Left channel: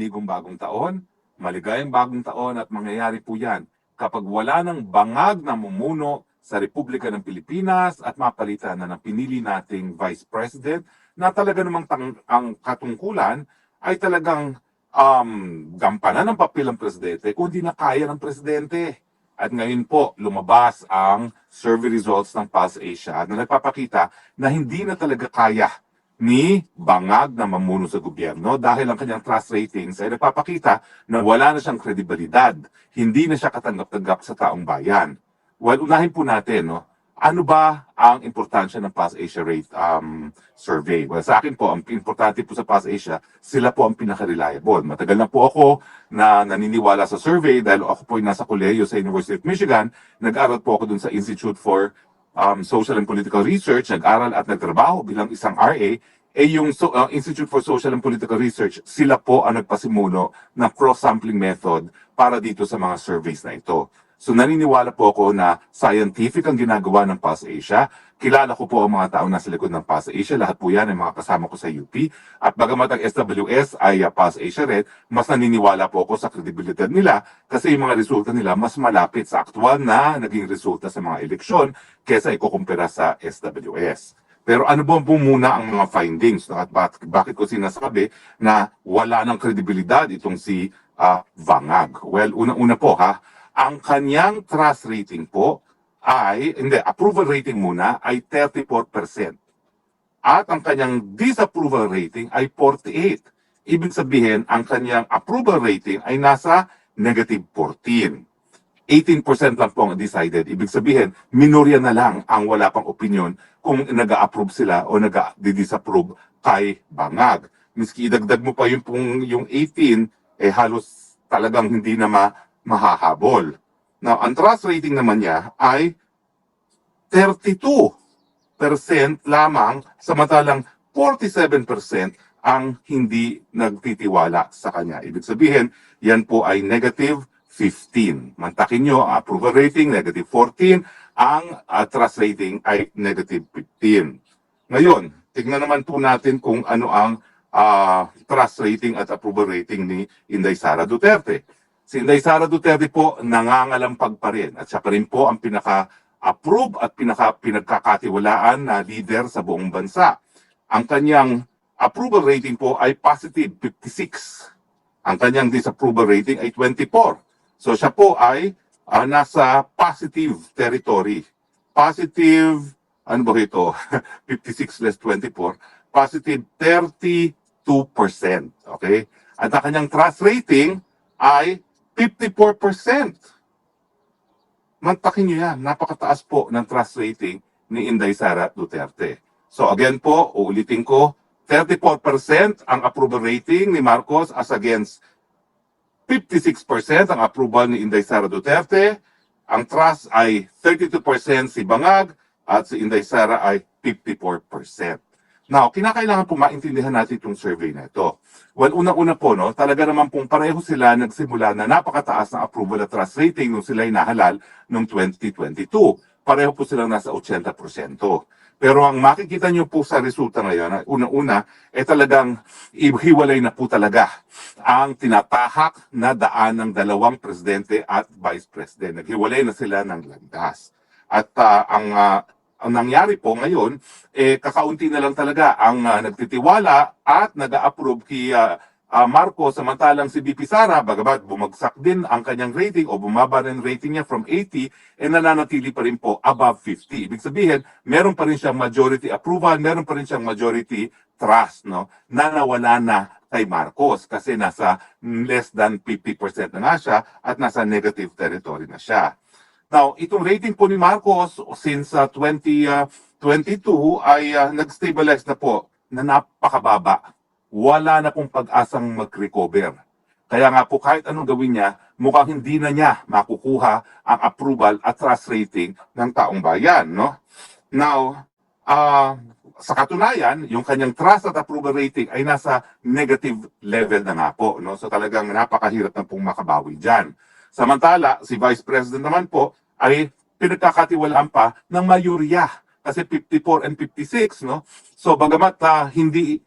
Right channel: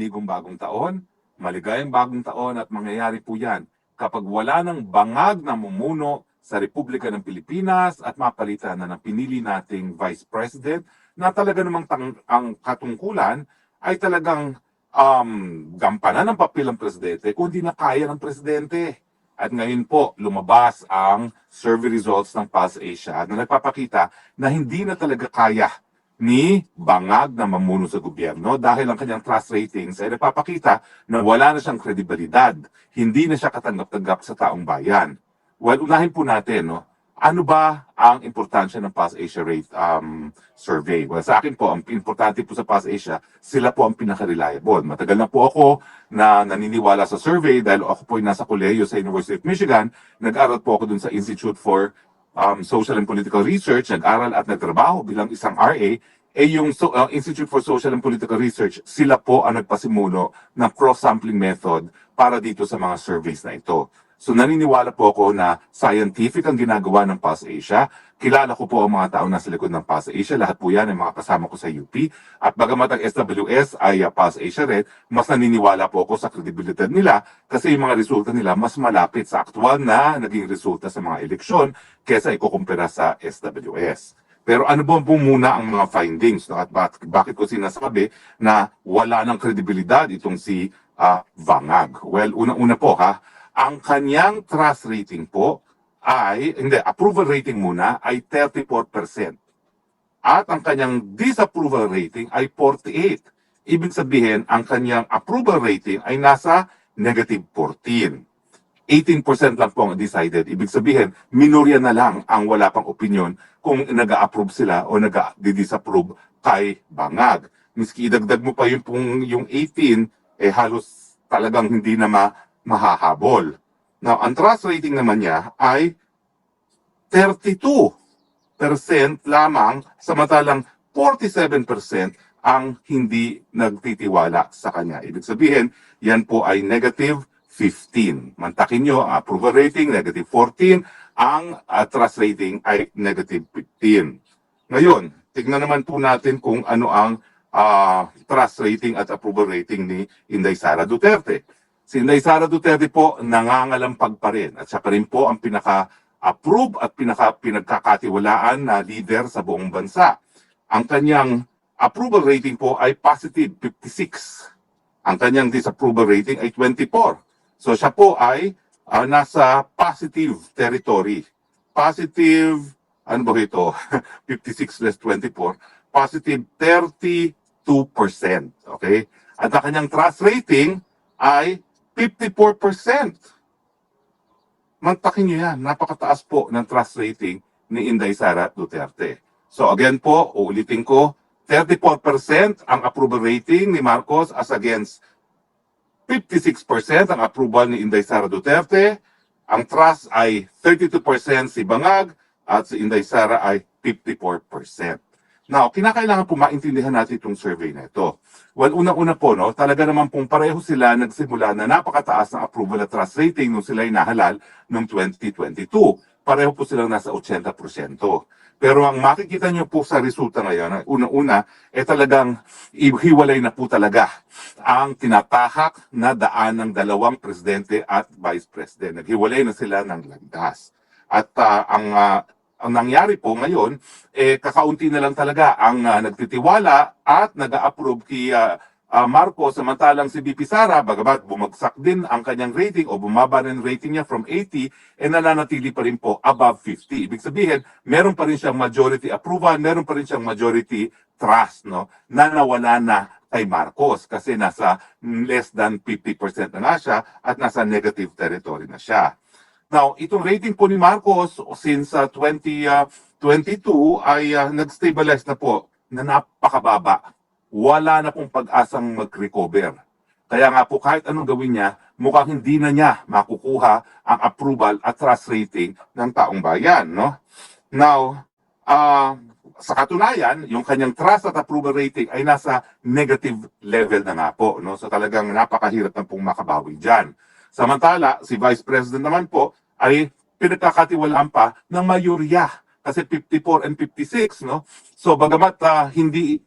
panigong bagong taon, maligayang bagong taon at mangyayari po yan kapag wala ng bangag na mumuno sa Republika ng Pilipinas at mapalitan na ng pinili nating Vice President na talaga namang ang katungkulan ay talagang gampanan ng papel ng Presidente kung di na kaya ng Presidente. At ngayon po, lumabas ang survey results ng Pulse Asia na nagpapakita na hindi na talaga kaya ni bangag na mamuno sa gobyerno dahil ang kanyang trust ratings ay nagpapakita na wala na siyang kredibilidad. Hindi na siya katanggap-tanggap sa taong bayan. Well, unahin po natin, no? Ano ba ang importansya ng Pulse Asia rate survey? Well, sa akin po, ang importante po sa Pulse Asia, sila po ang pinaka-reliable. Matagal na po ako na naniniwala sa survey dahil ako po ay nasa kolehiyo sa University of Michigan. Nag-aral po ako dun sa Institute for Social and Political Research, nag-aral at nagtrabaho bilang isang RA, yung Institute for Social and Political Research, sila po ang nagpasimulo ng cross-sampling method para dito sa mga surveys na ito. So naniniwala po ako na scientific ang ginagawa ng Pulse Asia. Kilala ko po ang mga taong nasa likod ng Pulse Asia. Lahat po yan ay mga kasama ko sa UP. At bagamat ang SWS ay Pulse Asia rin, mas naniniwala po ako sa kredibilidad nila kasi yung mga resulta nila mas malapit sa aktual na naging resulta sa mga eleksyon kesa ikukumpira sa SWS. Pero ano po muna ang mga findings? No? At bakit ko sinasabi na wala ng kredibilidad itong si Bangag? Well, una-una po ang kanyang trust rating po ay, approval rating muna ay 34%. At ang kanyang disapproval rating ay 48%. Ibig sabihin, ang kanyang approval rating ay nasa negative 14%. 18% lang po ang decided. Ibig sabihin, minorya na lang ang wala pang opinion kung nag-a-approve sila o nag-disapprove kay Bangag. Miski idagdag mo pa yung 18, halos talagang hindi na mahahabol. Now, ang trust rating naman niya ay 32% lamang, samantalang 47% ang hindi nagtitiwala sa kanya. Ibig sabihin, yan po ay negative 15. Mantakin nyo, ang approval rating, negative 14. Ang trust rating ay negative 15. Ngayon, tignan naman po natin kung ano ang trust rating at approval rating ni Inday Sara Duterte. Si Inday Sara Duterte po nangangalampag pa rin at siya pa rin po ang pinaka-approve at pinagkakatiwalaan na leader sa buong bansa. Ang kanyang approval rating po ay positive 56. Ang kanyang disapproval rating ay 24. So siya po ay nasa positive territory. Positive, ano ba ito? 56 less 24. Positive 32%. Okay? At ang kanyang trust rating ay 54%. Mantakin nyo yan. Napakataas po ng trust rating ni Inday Sara Duterte. So again po, uulitin ko, 34% ang approval rating ni Marcos as against 56% ang approval ni Inday Sara Duterte. Ang trust ay 32% si Bangag at si Inday Sara ay 54%. Now, kinakailangan po maintindihan natin itong survey na ito. Well, unang-una po, no, talaga naman pong pareho sila nagsimula na napakataas ng approval at trust rating nung sila nahalal noong 2022. Pareho po silang nasa 80%. Pero ang makikita nyo po sa resulta ngayon, unang-una, talagang hiwalay na po talaga ang tinatahak na daan ng dalawang presidente at vice president. Naghiwalay na sila ng landas. At ang nangyari po ngayon, kakaunti na lang talaga ang nagtitiwala at nag-a-approve kay Marcos, samantalang si VP Sara, bagamat bumagsak din ang kanyang rating o bumaba rin rating niya from 80, nananatili pa rin po above 50. Ibig sabihin, meron pa rin siyang majority approval, meron pa rin siyang majority trust, no, na nawala na kay Marcos kasi nasa less than 50% na nga siya at nasa negative territory na siya. Now, itong rating po ni Marcos since 2022 ay nag-stabilize na po na napakababa. Wala na pong pag-asang mag-recover. Kaya nga po kahit anong gawin niya, mukhang hindi na niya makukuha ang approval at trust rating ng taong bayan. No? Now, sa katunayan, yung kanyang trust at approval rating ay nasa negative level na nga po. No? So talagang napakahirap na pong makabawi dyan. Samantala, si Vice President naman po ay pinagkakatiwalaan pa ng mayorya kasi 54 and 56, no? So bagamat hindi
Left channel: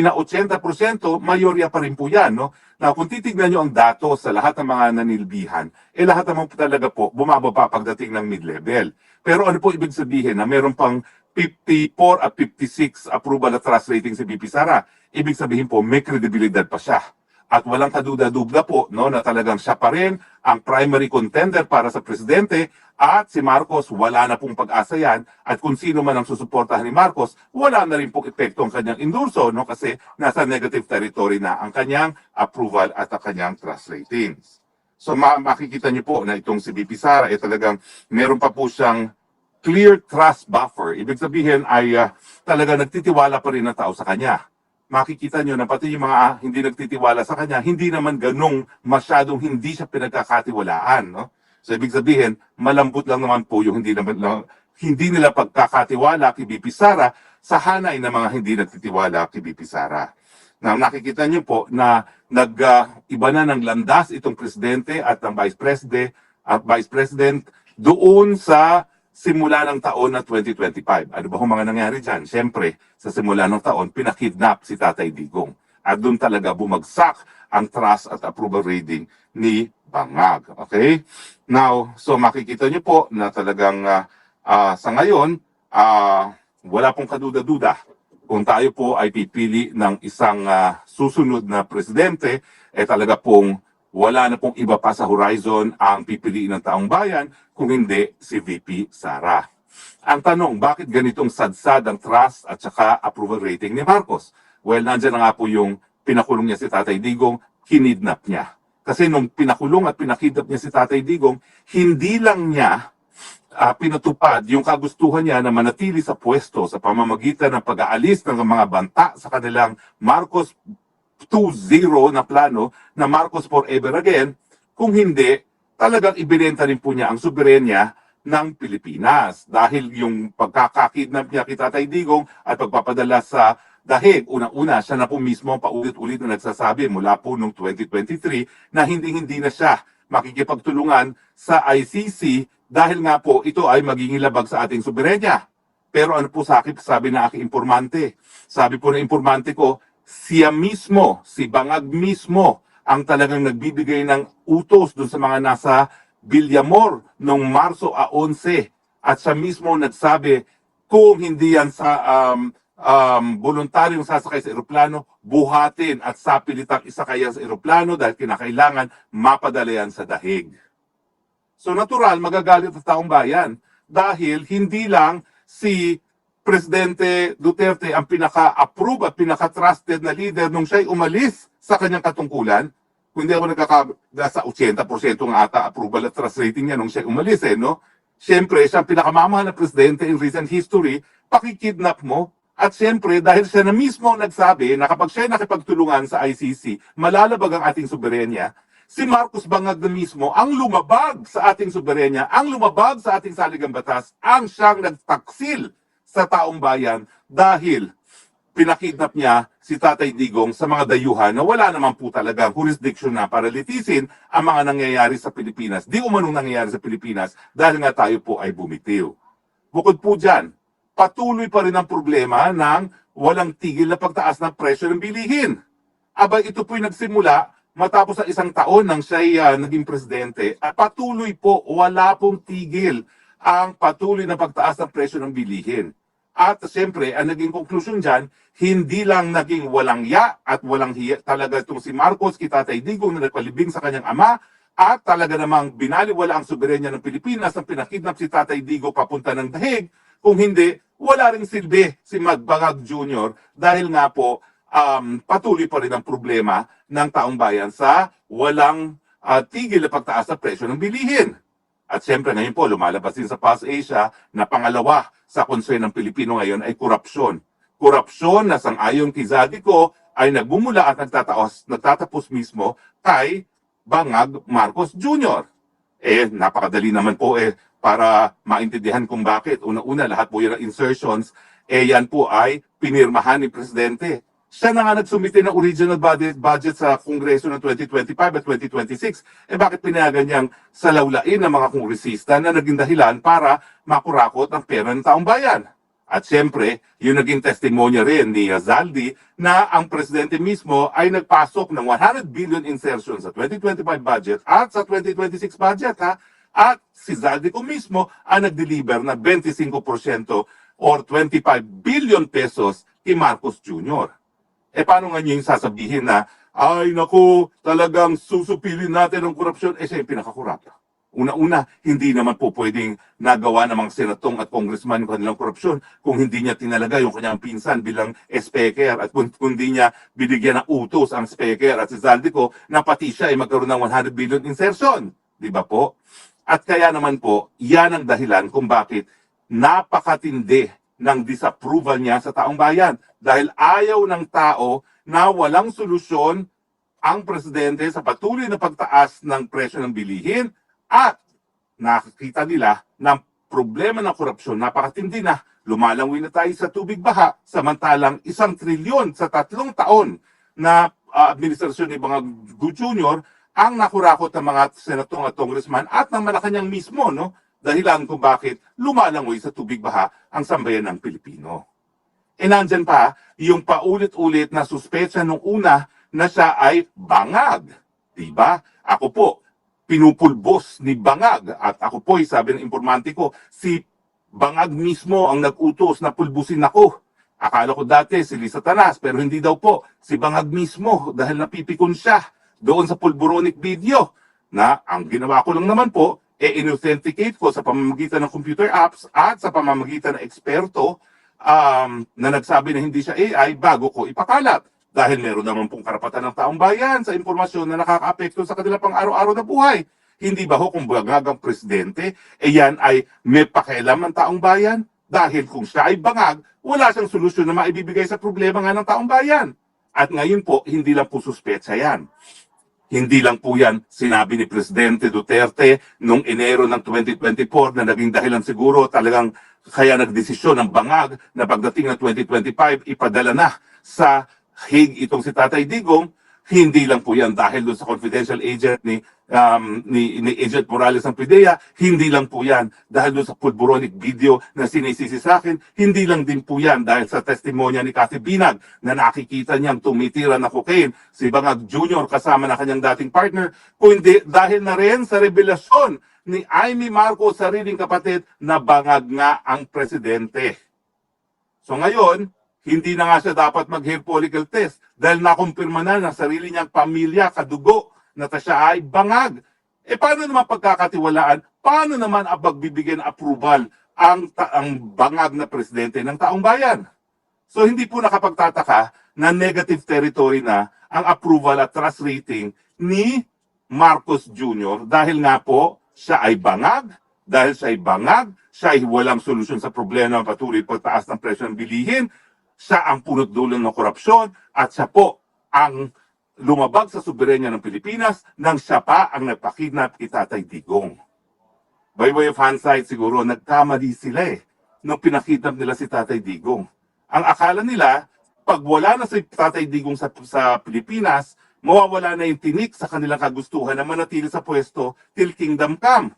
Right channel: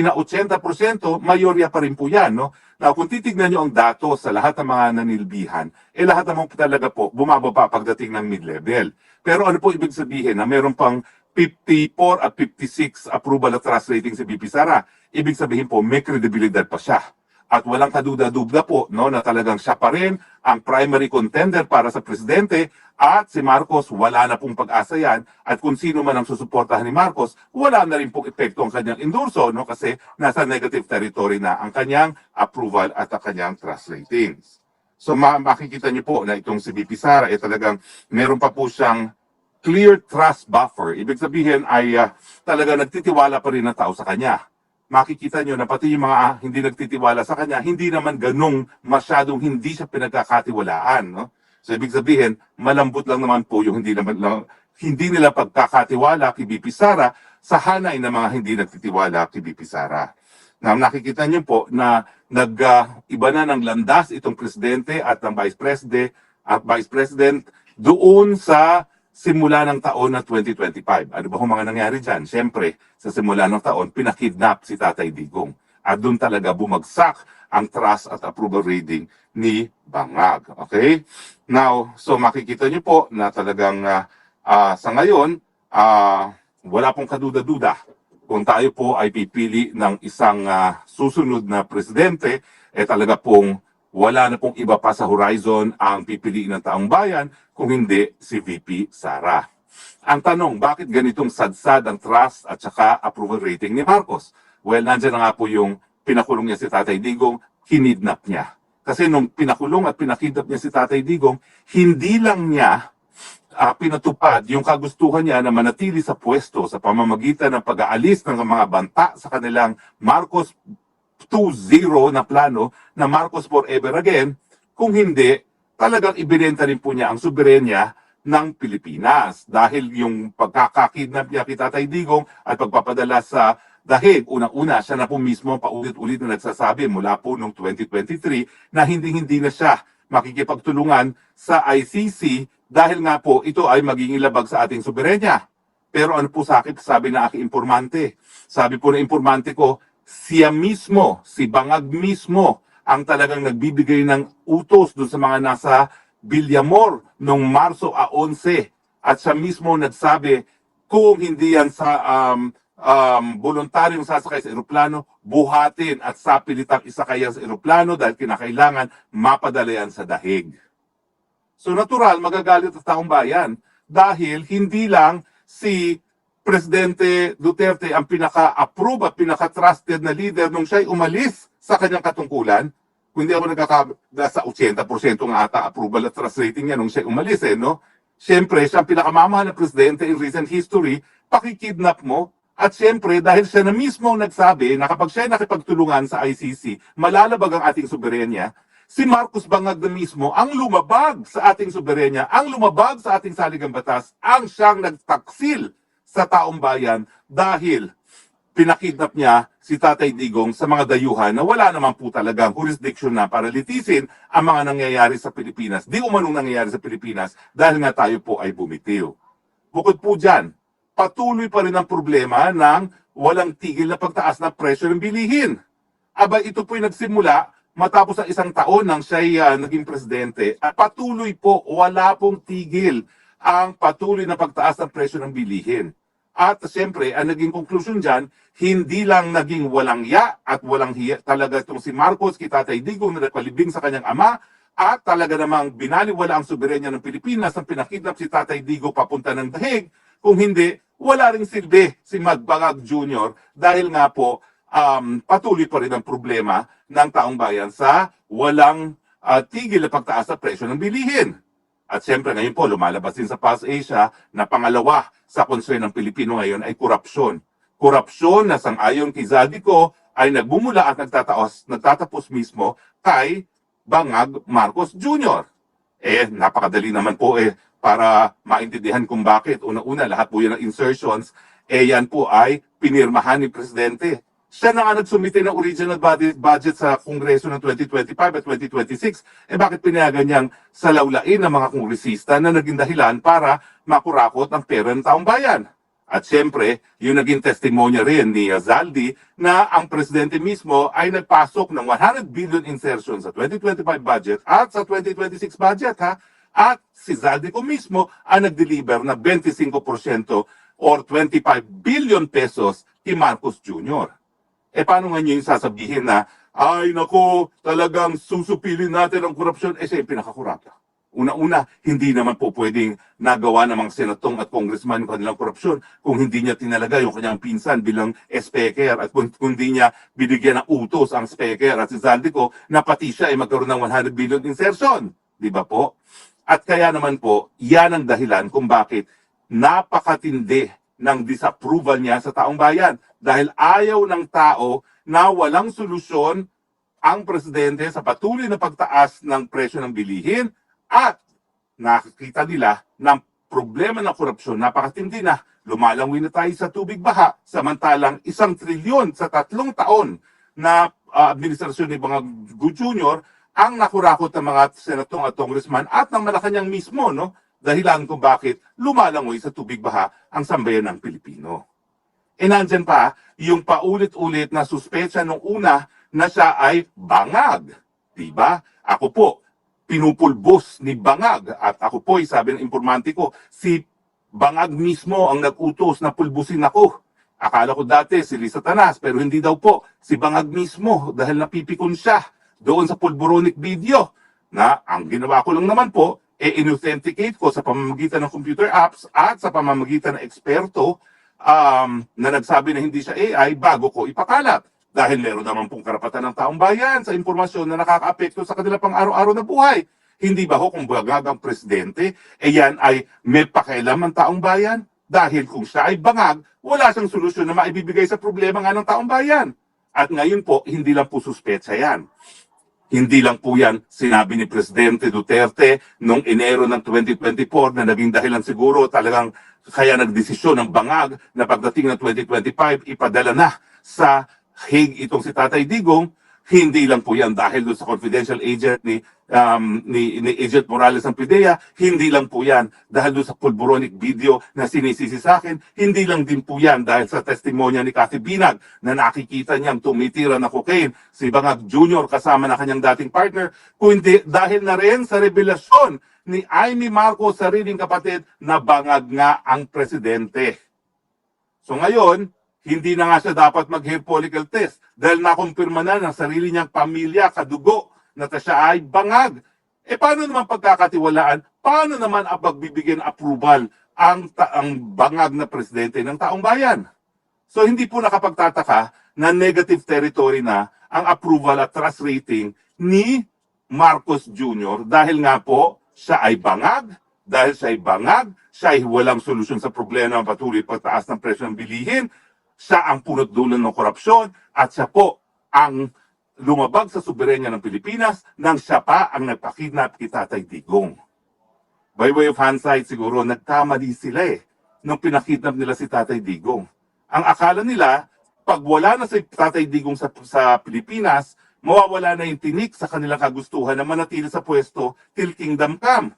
na 80%, mayorya pa rin po yan, no? Now, kung titignan nyo ang datos sa lahat ng mga nanilbihan, lahat naman po talaga po bumababa pagdating ng mid-level. Pero ano po ibig sabihin na meron pang 54 at 56 approval at trust rating si VP Sara? Ibig sabihin po may kredibilidad pa siya. At walang kaduda-dubda po no, na talagang siya pa rin ang primary contender para sa presidente at si Marcos wala na pong pag-asa yan at kung sino man ang susuportahan ni Marcos, wala na rin pong epekto ang kanyang endorso no, kasi nasa negative territory na ang kanyang approval at ang kanyang trust ratings. So makikita niyo po na itong si VP Sara talagang meron pa po siyang clear trust buffer. Ibig sabihin ay talaga nagtitiwala pa rin ang tao sa kanya. Makikita nyo na pati yung mga hindi nagtitiwala sa kanya, hindi naman ganong masyadong hindi siya pinagkakatiwalaan. No? So ibig sabihin, malambot lang naman po yung hindi nila pagkakatiwala kay VP Sara sa hanay ng mga hindi nagtitiwala kay VP Sara. Now, nakikita nyo po na iba na ng landas itong presidente at ang vice president doon sa simula ng taon na 2025. Ano ba kung mga nangyari dyan? Siyempre, sa simula ng taon, pinakidnap si Tatay Digong. At doon talaga bumagsak ang trust at approval rating ni Bangag. Okay? Now, so makikita nyo po na talagang sa ngayon, wala pong kaduda-duda. Kung tayo po ay pipili ng isang susunod na presidente, talaga pong wala na pong iba pa sa horizon ang pipiliin ng taong bayan kung hindi si VP Sara. Ang tanong, bakit ganitong sadsad ang trust at saka approval rating ni Marcos? Well, nandiyan na nga po yung pinakulong niya si Tatay Digong, kinidnap niya. Kasi nung pinakulong at pinakidnap niya si Tatay Digong, hindi lang niya pinatupad yung kagustuhan niya na manatili sa pwesto sa pamamagitan ng pag-aalis ng mga banta sa kanilang Marcos 2.0 na plano na Marcos forever again, kung hindi, talagang ibinenta rin po niya ang soberenya ng Pilipinas. Dahil yung pagkakakidnap niya kay Tatay Digong at pagpapadala sa dahig, unang-una siya na po mismo paulit-ulit na nagsasabi mula po noong 2023 na hindi na siya makikipagtulungan sa ICC dahil nga po ito ay magiging labag sa ating soberenya. Pero ano po sabi na aking informante? Sabi po ng informante ko, siya mismo, si Bangag mismo, ang talagang nagbibigay ng utos doon sa mga nasa Villamor noong Marso 11. At siya mismo nagsabi, kung hindi yan sa voluntaryong sasakay sa eroplano, buhatin at sapilitang isakay sa eroplano dahil kinakailangan mapadala yan sa dahig. So natural, magagalit ang taong bayan dahil hindi lang si Presidente Duterte ang pinaka-approve at pinaka-trusted na leader nung siya'y umalis sa kanyang katungkulan. Kung hindi ako nasa 80% nga ata approval at trust rating niya nung siya'y umalis no? Siyempre, siya ang pinakamamahal na presidente in recent history, pakikidnap mo. At siyempre, dahil siya na mismo nagsabi na kapag siya'y nakipagtulungan sa ICC, malalabag ang ating soberenya, si Marcos Bangag na mismo ang lumabag sa ating soberenya, ang lumabag sa ating saligang batas, ang siyang nagtaksil sa taong bayan dahil pinakidnap niya si Tatay Digong sa mga dayuhan na wala naman po talagang jurisdiction na para litisin ang mga nangyayari sa Pilipinas. Di umanong nangyayari sa Pilipinas dahil nga tayo po ay bumitiw. Bukod po dyan, patuloy pa rin ang problema ng walang tigil na pagtaas ng presyo ng bilihin. Aba ito po'y nagsimula matapos sa isang taon nang siya'y naging presidente. At patuloy po, wala pong tigil ang patuloy na pagtaas ng presyo ng bilihin. At siyempre, ang naging konklusyon dyan, hindi lang naging walang ya at walang hiya talaga itong si Marcos, kay Tatay Digong na nagpalibing sa kanyang ama, at talaga namang binaliwala ang soberenya ng Pilipinas nang pinakidnap si Tatay Digong papunta ng dahig. Kung hindi, wala rin silbi si Bangag Jr. dahil nga po patuloy pa rin ang problema ng taong bayan sa walang tigil na pagtaas sa presyo ng bilihin. At siyempre ngayon po, lumalabas din sa Pulse Asia na pangalawa sa concern ng Pilipino ngayon ay korupsyon. Korupsyon na sang-ayon kay Zadico ay nagbumula at nagtatapos mismo kay Bangag Marcos Jr. Napakadali naman po para maintindihan kung bakit. Una-una, lahat po yan ng insertions, yan po ay pinirmahan ni Presidente. Siya na nga nagsumite ng original budget sa Kongreso ng 2025 at 2026. Bakit pinayagan niyang salawlain ng mga kongresista na naging dahilan para makurakot ang pera ng taong bayan? At siyempre, yung naging testimonya rin ni Zaldi na ang presidente mismo ay nagpasok ng 100 billion insertion sa 2025 budget at sa 2026 budget ha. At si Zaldi ko mismo ang nag-deliver na 25% or 25 billion pesos kay Marcos Jr. Paano nga niyo yung sasabihin na, ay naku, talagang susupilin natin ang korupsyon? Siya yung pinakakurap. Una-una, hindi naman po pwedeng nagawa ng mga senatong at congressman yung kanilang korupsyon kung hindi niya tinalaga yung kanyang pinsan bilang speaker at kung hindi niya binigyan ng utos ang speaker at si Zaldico na pati siya ay magkaroon ng 100 billion insertion. Di ba po? At kaya naman po, yan ang dahilan kung bakit napakatindi ng disapproval niya sa taong bayan. Dahil ayaw ng tao na walang solusyon ang presidente sa patuloy na pagtaas ng presyo ng bilihin at nakikita nila ng problema ng korupsyon napakatindi na lumalangoy na tayo sa tubig baha samantalang 1 trilyon sa 3 taon na administrasyon ni Bangag Jr. ang nakurakot ng mga senatong at congressman at ng Malacanang mismo, no? Dahilan kung bakit lumalangoy sa tubig baha ang sambayan ng Pilipino. Nandyan pa yung paulit-ulit na suspecha nung una na siya ay bangag. Diba? Ako po, pinupulbos ni Bangag at ako po, sabi ng informante ko, si Bangag mismo ang nag-utos na pulbusin ako. Akala ko dati si Lisa Tanas pero hindi daw po, si Bangag mismo dahil napipikon siya doon sa pulburonic video na ang ginawa ko lang naman po, in-authenticate ko sa pamamagitan ng computer apps at sa pamamagitan ng eksperto na nagsabi na hindi siya AI bago ko ipakalat. Dahil meron naman pong karapatan ng taong bayan sa impormasyon na nakakaapekto sa kanila pang araw-araw na buhay. Hindi ba ho kung bangag ang presidente, yan ay may pakialam ng taong bayan? Dahil kung siya ay bangag, wala siyang solusyon na maibibigay sa problema nga ng taong bayan. At ngayon po, hindi lang po suspetsa yan. Hindi lang po yan sinabi ni Presidente Duterte noong Enero ng 2024 na naging dahilan siguro talagang kaya nagdesisyon ng bangag na pagdating ng 2025 ipadala na sa Hague itong si Tatay Digong. Hindi lang po yan dahil doon sa confidential agent ni Agent Morales ng PIDEA, hindi lang po yan dahil doon sa pulburonic video na sinisisi sa akin, hindi lang din po yan dahil sa testimonya ni Cathy Binag na nakikita niyang tumitira na cocaine si Bangag Jr. kasama na kanyang dating partner, kundi dahil na rin sa revelasyon ni Amy Marcos, sariling kapatid, na bangag nga ang presidente. So ngayon, hindi na nga siya dapat mag-hair follicle test dahil nakumpirma na ng sarili niyang pamilya, kadugo, na siya ay bangag. Paano naman pagkakatiwalaan? Paano naman pagbibigyan approval ang bangag na presidente ng taong bayan? So hindi po nakapagtataka na negative territory na ang approval at trust rating ni Marcos Jr. dahil nga po siya ay bangag, dahil siya ay bangag, siya ay walang solusyon sa problema ng patuloy pagtaas ng presyo ng bilihin, siya ang punot dulo ng korupsyon at siya po ang lumabag sa soberenya ng Pilipinas nang siya pa ang nagpakidnap kay Tatay Digong. By way of hindsight siguro, nagkamali sila nung pinakidnap nila si Tatay Digong. Ang akala nila, pag wala na si Tatay Digong sa Pilipinas, mawawala na yung tinik sa kanilang kagustuhan na manatili sa pwesto till kingdom come.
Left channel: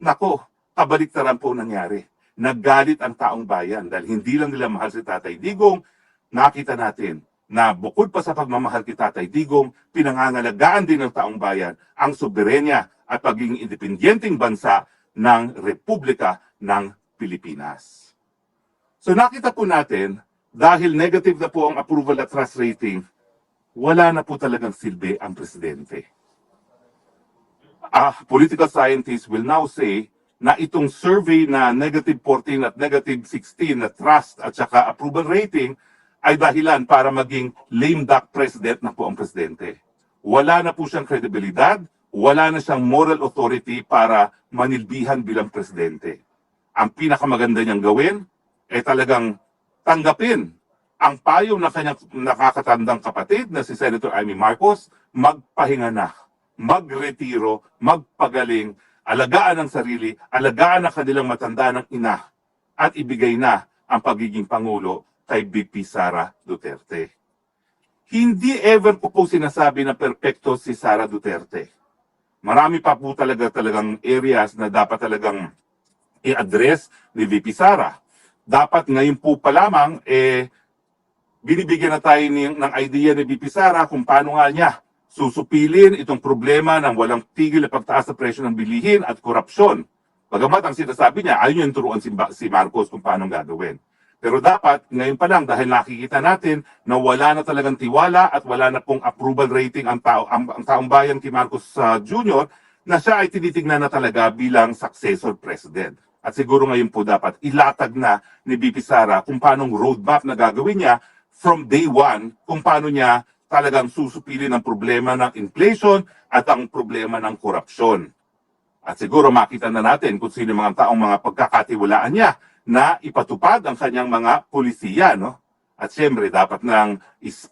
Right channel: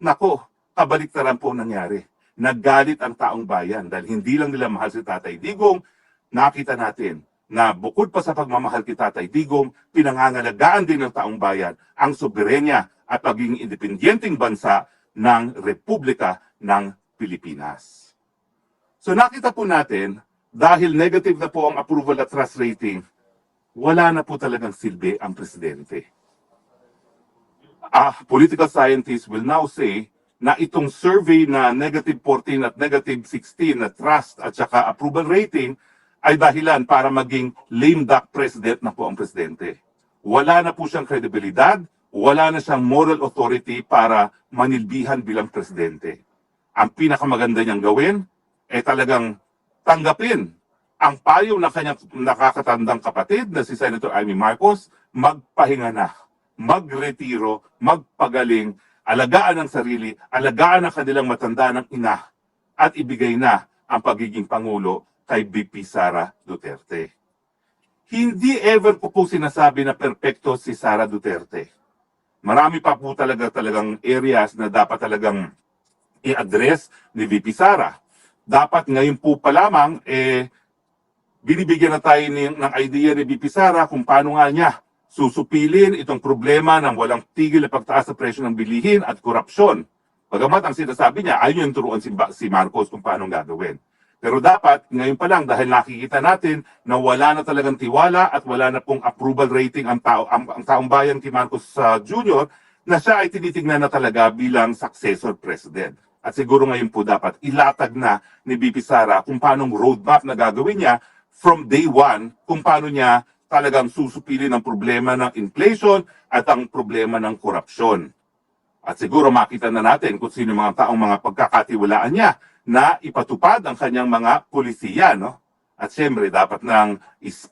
Nako, kabaliktaran po nangyari. Naggalit ang taong bayan dahil hindi lang nila mahal si Tatay Digong. Nakita natin na bukod pa sa pagmamahal kay Tatay Digong, pinangangalagaan din ng taong bayan ang soberenya at pagiging independenteng bansa ng Republika ng Pilipinas. So nakita po natin, dahil negative na po ang approval at trust rating, wala na po talagang silbi ang presidente. Political scientists will now say na itong survey na negative 14 at negative 16 na trust at saka approval rating ay dahilan para maging lame duck president na po ang presidente. Wala na po siyang kredibilidad, wala na siyang moral authority para manilbihan bilang presidente. Ang pinakamaganda niyang gawin ay talagang tanggapin ang payo na kanyang nakakatandang kapatid na si Senator Amy Marcos, magpahinga na, magretiro, magpagaling, alagaan ang sarili, alagaan ang kanilang matanda ng ina, at ibigay na ang pagiging Pangulo kay VP Sara Duterte. Hindi ever ko po sinasabi na perpekto si Sara Duterte. Marami pa po talagang areas na dapat talagang i-address ni VP Sara. dapat ngayon po pa lamang, binibigyan na tayo ng idea ni VP Sara kung paano nga niya susupilin itong problema ng walang tigil na pagtaas sa presyo ng bilihin at korupsyon. Bagamat ang sinasabi niya, ayaw niyang turuan si Marcos kung paano gagawin. Pero dapat, ngayon pa lang, dahil nakikita natin na wala na talagang tiwala at wala na pong approval rating ang taong bayan kay Marcos Jr., na siya ay tinitignan na talaga bilang successor president. At siguro ngayon po dapat ilatag na ni VP Sara kung paano roadmap na gagawin niya from day one, kung paano niya talagang susupilin ang problema ng inflation at ang problema ng korupsyon. At siguro makita na natin kung sino mga taong mga pagkakatiwalaan niya na ipatupad ang kanyang mga polisiya, no? At siyempre, dapat nang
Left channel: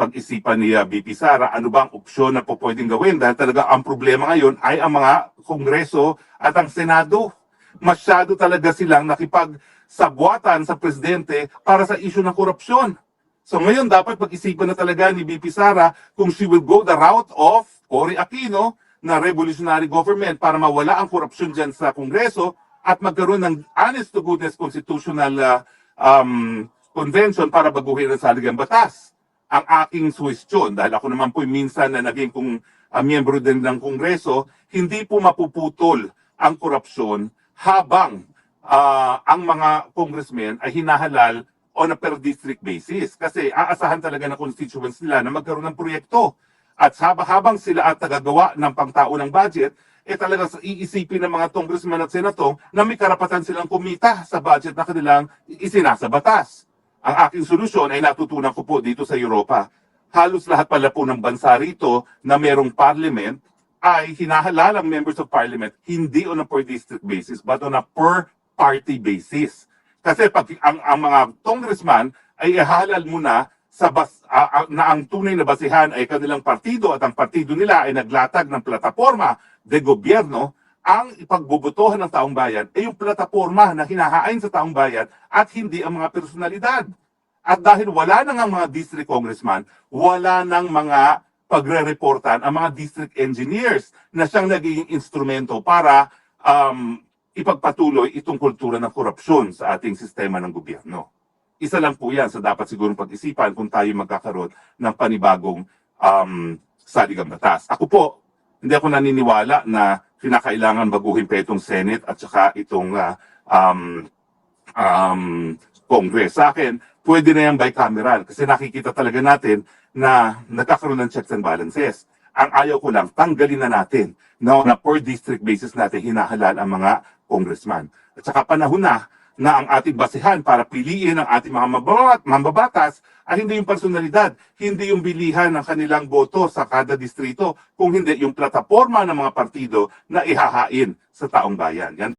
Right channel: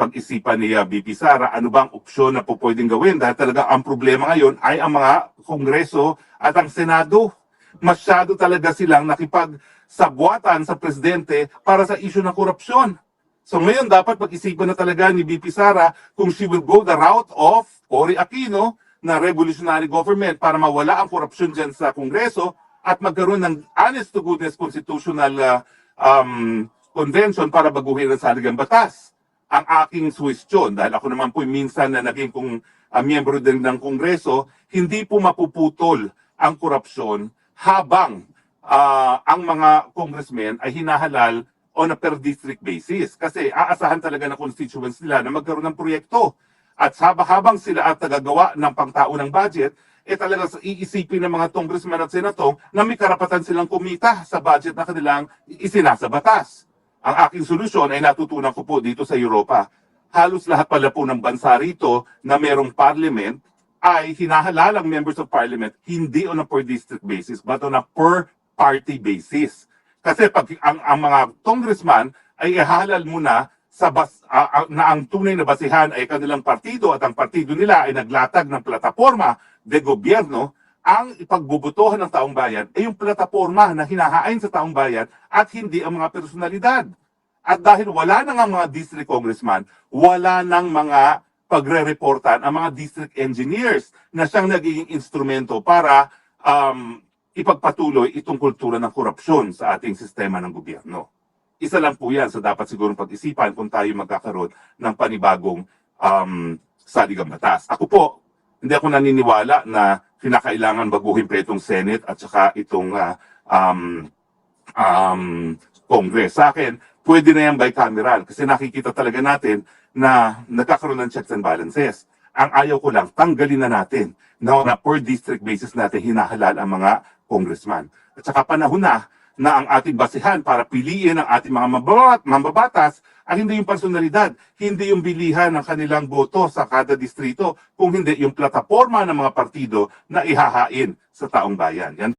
pag-isipan ni VP Sara ano bang opsyon na po pwedeng gawin dahil talaga ang problema ngayon ay ang mga Kongreso at ang Senado. Masyado talaga silang nakipagsabwatan sa presidente para sa issue ng korupsyon. So ngayon, dapat pag-isipan na talaga ni VP Sara kung she will go the route of Cory Aquino na revolutionary government para mawala ang korupsyon dyan sa Kongreso at magkaroon ng honest-to-goodness constitutional convention para baguhin ang saligang batas. Ang aking suwestyon, dahil ako naman po minsan na naging miyembro din ng Kongreso, hindi po mapuputol ang korupsyon habang ang mga congressmen ay hinahalal on a per district basis. Kasi aasahan talaga ng constituents nila na magkaroon ng proyekto. At habang sila at tagagawa ng pangtaunang budget, talagang iisipin ng mga congressman at senator na may karapatan silang kumita sa budget na kanilang isinasa batas. Ang aking solusyon ay natutunan ko po dito sa Europa. Halos lahat pala po ng bansa rito na merong parliament ay hinahalal ang members of parliament hindi on a per district basis but on a per party basis. Kasi pag ang mga congressman ay ihalal muna na ang tunay na basihan ay kanilang partido at ang partido nila ay naglatag ng plataforma de gobyerno, ang ipagbubutuhan ng taong bayan ay yung plataforma na hinahain sa taong bayan at hindi ang mga personalidad. At dahil wala nang ang mga district congressman, wala nang mga pagre-reportan ang mga district engineers na siyang nagiging instrumento para ipagpatuloy itong kultura ng korupsyon sa ating sistema ng gobyerno. Isa lang po yan sa dapat sigurong pag-isipan kung tayo magkakaroon ng panibagong saligang batas. Ako po, hindi ako naniniwala na kinakailangan baguhin pa itong Senate at saka itong Congress. Sa akin, pwede na yan bicameral kasi nakikita talaga natin na nagkakaroon ng checks and balances. Ang ayaw ko lang, tanggalin na natin na per district basis natin hinahalal ang mga congressman. At saka panahon na ang ating basihan para piliin ang ating mga mambabatas ay hindi yung personalidad, hindi yung bilihan ng kanilang boto sa kada distrito, kung hindi yung plataforma ng mga partido na ihahain sa taong bayan. Yan